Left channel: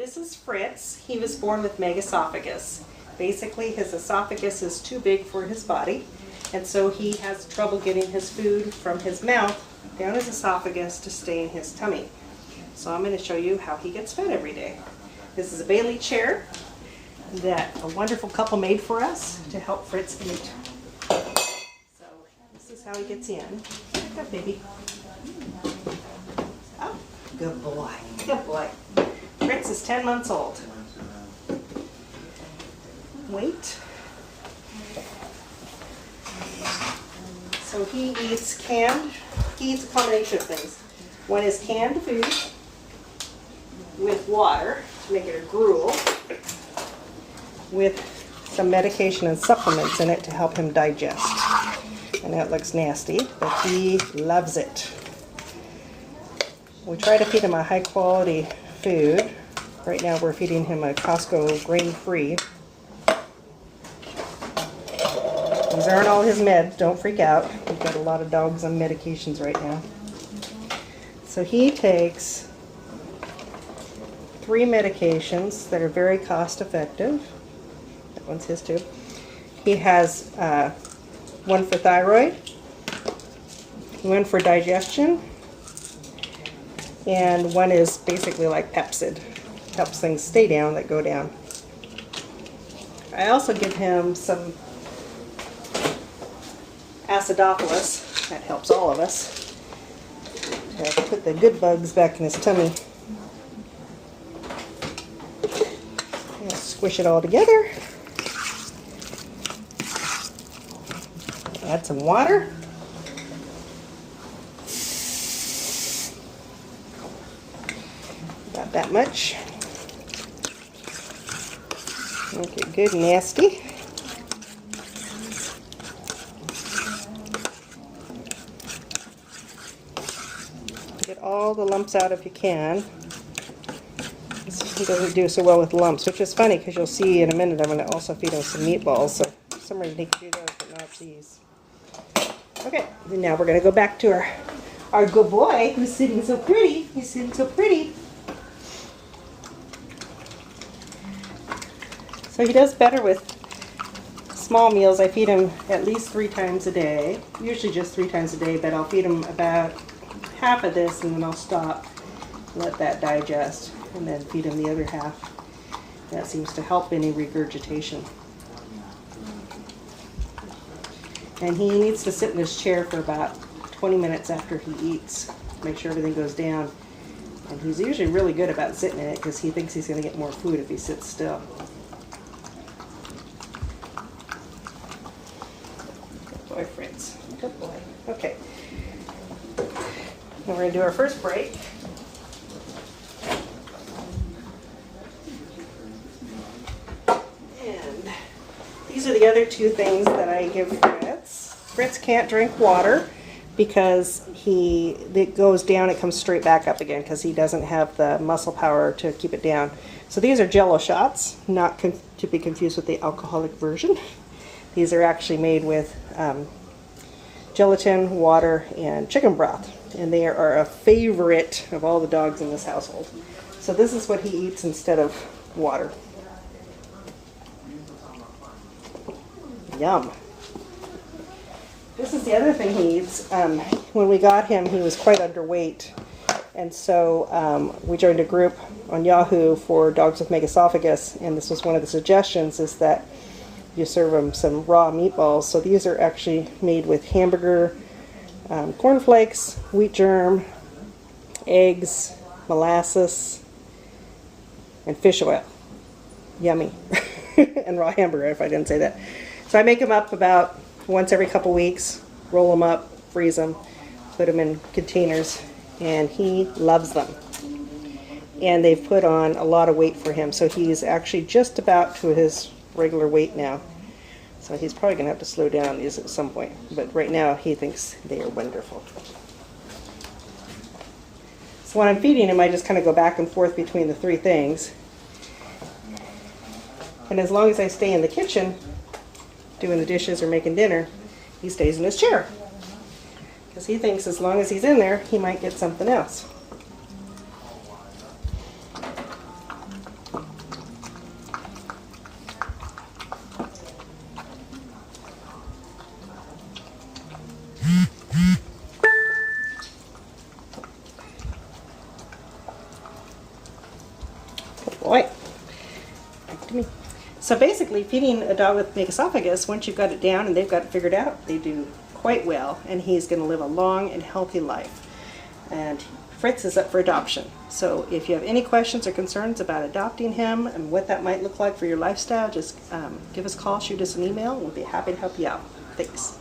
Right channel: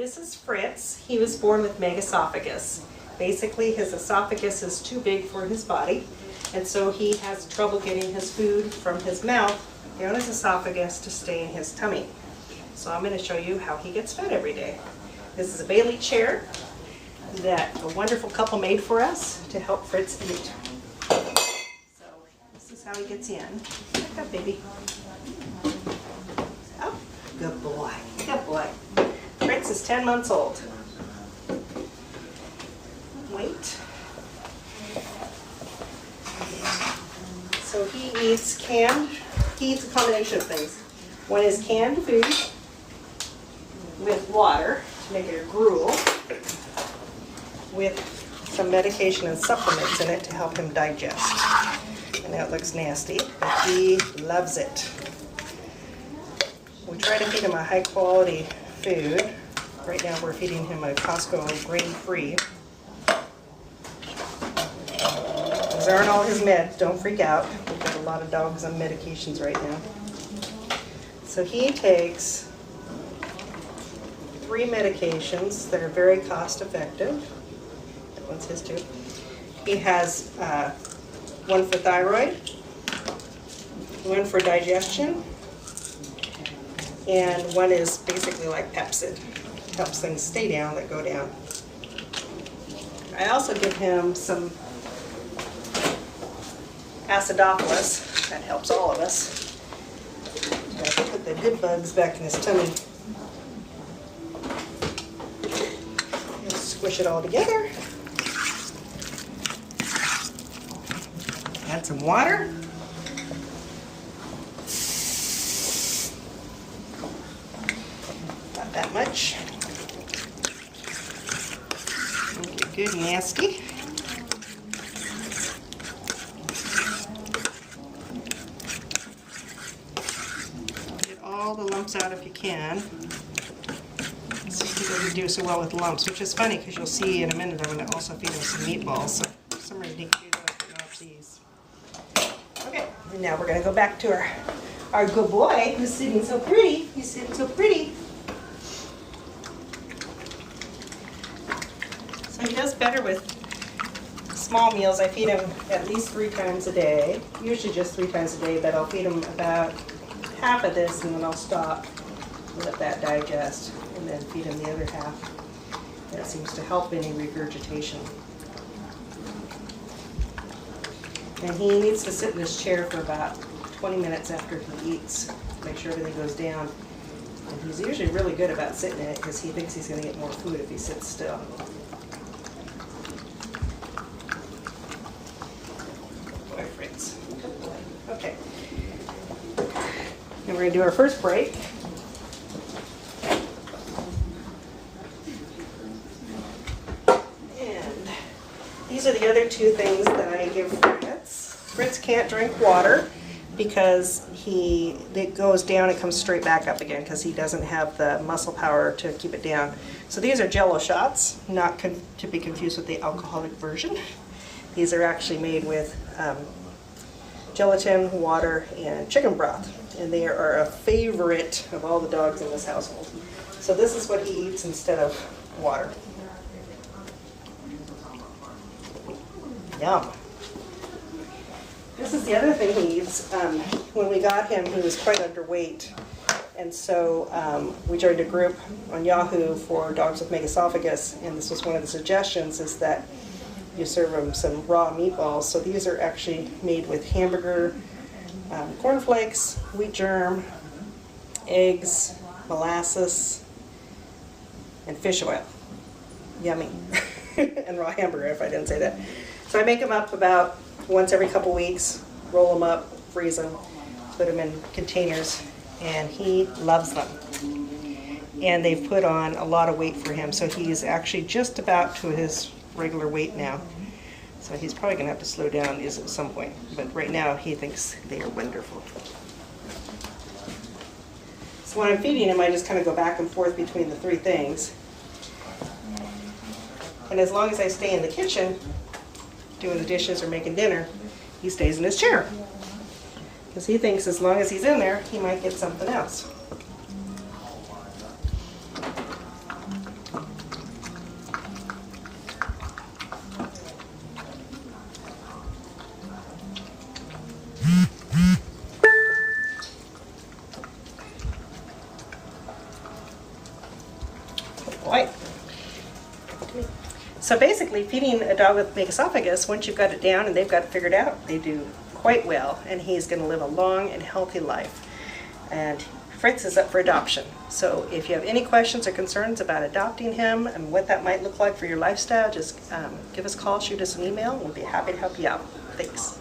This is Fritz. He was born with megaesophogus. Basically, his esophagus is too big for his body, and so he has trouble getting his food from his mouth down his esophagus to stay in his tummy. So I'm going to show you how he gets fed every day. This is a Bailey chair that a wonderful couple made for us to help Fritz eat. So this is how he gets in. Look at baby. Oh, good boy. Good boy. Fritz is 10 months old. Wait. So he eats a combination of things. One is canned food with water to make it a gruel, with some medication and supplements in it to help him digest. And that looks nasty, but he loves it. We try to feed him a high quality food. Right now we're feeding him a Costco grain-free. These aren't all his meds, don't freak out. We've got a lot of dogs on medications right now. So he takes 3 medications that are very cost effective. That one's his too. He has one for thyroid, one for digestion, and one is basically like Pepsid. Helps things stay down that go down. I also give him some acidophilus. That helps all of us. I have to put the good bugs back in his tummy. I'll squish it all together. Add some water. About that much. Make it good and nasty. Get all the lumps out if you can. He doesn't do so well with lumps, which is funny because you'll see in a minute I'm going to also feed him some meatballs. So some reason he can do those, but not these. Okay, now we're going to go back to our good boy who's sitting so pretty. He's sitting so pretty. So he does better with small meals. I feed him at least 3 times a day, usually just 3 times a day, but I'll feed him about half of this and then I'll stop, let that digest, and then feed him the other half. That seems to help any regurgitation. And he needs to sit in his chair for about 20 minutes after he eats to make sure everything goes down. And he's usually really good about sitting in it because he thinks he's going to get more food if he sits still. Boy, Fritz. Good boy. Okay. Then we're going to do our first break. And these are the other 2 things that I give Fritz. Fritz can't drink water because it goes down, it comes straight back up again because he doesn't have the muscle power to keep it down. So these are Jello shots, not to be confused with the alcoholic version. These are actually made with gelatin, water, and chicken broth. And they are a favorite of all the dogs in this household. So this is what he eats instead of water. Yum. This is the other thing he eats. When we got him, he was quite underweight. And so we joined a group on Yahoo for dogs with megaesophagus. And this was one of the suggestions, is that you serve him some raw meatballs. So these are actually made with hamburger, cornflakes, wheat germ, eggs, molasses, and fish oil. Yummy. And raw hamburger, if I didn't say that. So I make them up about once every couple weeks, roll them up, freeze them, put them in containers, and he loves them. And they've put on a lot of weight for him, so he's actually just about to his regular weight now. So he's probably going to have to slow down these at some point, but right now he thinks they are wonderful. So when I'm feeding him, I just kind of go back and forth between the 3 things. And as long as I stay in the kitchen doing the dishes or making dinner, he stays in his chair. Because he thinks as long as he's in there, he might get something else. So basically, feeding a dog with megaesophagus, once you've got it down and they've got it figured out, they do quite well, and he's going to live a long and healthy life. And Fritz is up for adoption. So if you have any questions or concerns about adopting him and what that might look like for your lifestyle, just give us a call, shoot us an email. We'll be happy to help you out. Thanks.